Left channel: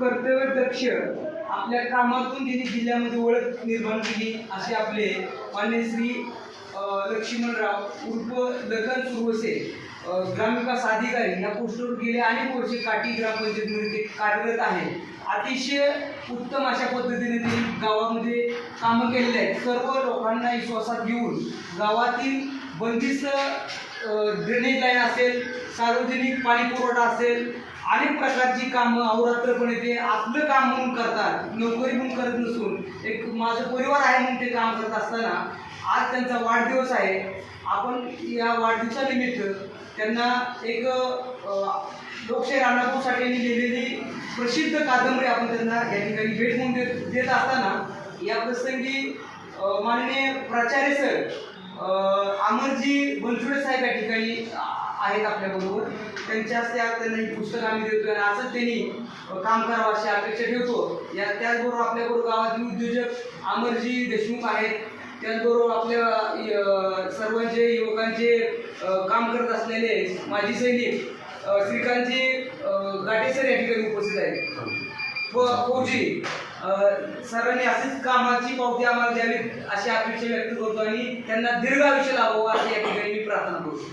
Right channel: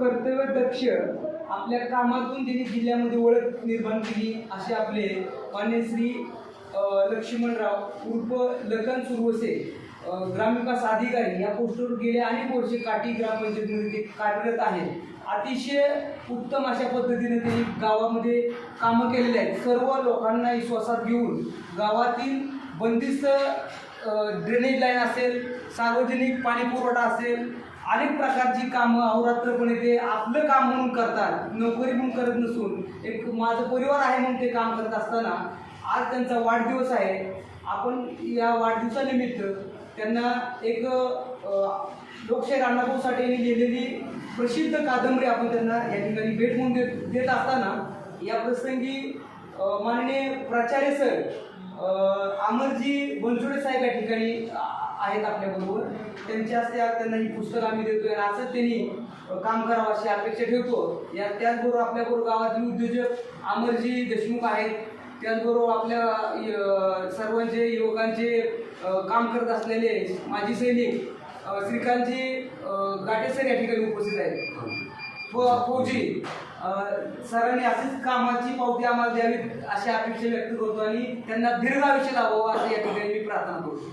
कर्तव्यदक्ष. आपल्या कामातून त्यांनी जिल्ह्यामध्ये ओळख निर्माण केली असे आपले मान्य श्री लक्ष्मणराव उर्फ लखन सुरवसे ग्रामविकास अधिकारी. या पोस्टवर गेले अनेक वर्षे काठी ग्रामपंचायतीमध्ये ते कार्यरत आहे. अतिशय उत्तम अशा पद्धतीने त्यांनी गावामध्ये कामं केलेली आहेत. सर्व लोकांना विश्वासात घेऊन गावातील बंदिस्त ड्रेनेज लाईन असेल सार्वजनिक पाणी पुरवठा असेल अनेक प्रकारची कामं अहोरात्रपणे ते आपलं काम म्हणून करतात नोकरी म्हणून करत नसून. एक माझं परिवार आहे म्हणून ते काम करत असताना आज त्यांचा वाढदिवस आहे. आपण या वाढदिवसानिमित्त त्यांना एक लोकशाही राणाभाऊ यांनी लिहिलेली प्रसिद्ध कादंबरी आपण त्यांना या ठिकाणी भेट म्हणून देत देत असताना या प्रसंगी माननीय प्राचार्य सर अमरजी बनसोडे साहेब या ठिकाणी आहेत आपल्याबरोबर त्यांच्या हस्ते त्यांना ही पुस्तकं आम्ही देतोय आणि असंच त्यांनी काम करावं अशी अपेक्षा ठेवतो. या त्याचबरोबर आपल्याबरोबर गावातील उद्योजक अमरजी देशमुख आहेत. त्याचबरोबर आपल्या सर्वांचे युवकांचे काम करत असलेले माजी सैनिक श्रीकांतजी गाटेसर या ठिकाणी उपस्थित आहेत. व फौजी. सरांनी अशीच कामाची पावती आम्हाला द्यावी अशी अपेक्षा व्यक्त करतो आणि त्यांना दीर्घ आयुष्य लावावं अशी या ठिकाणी मी प्रार्थना करतो.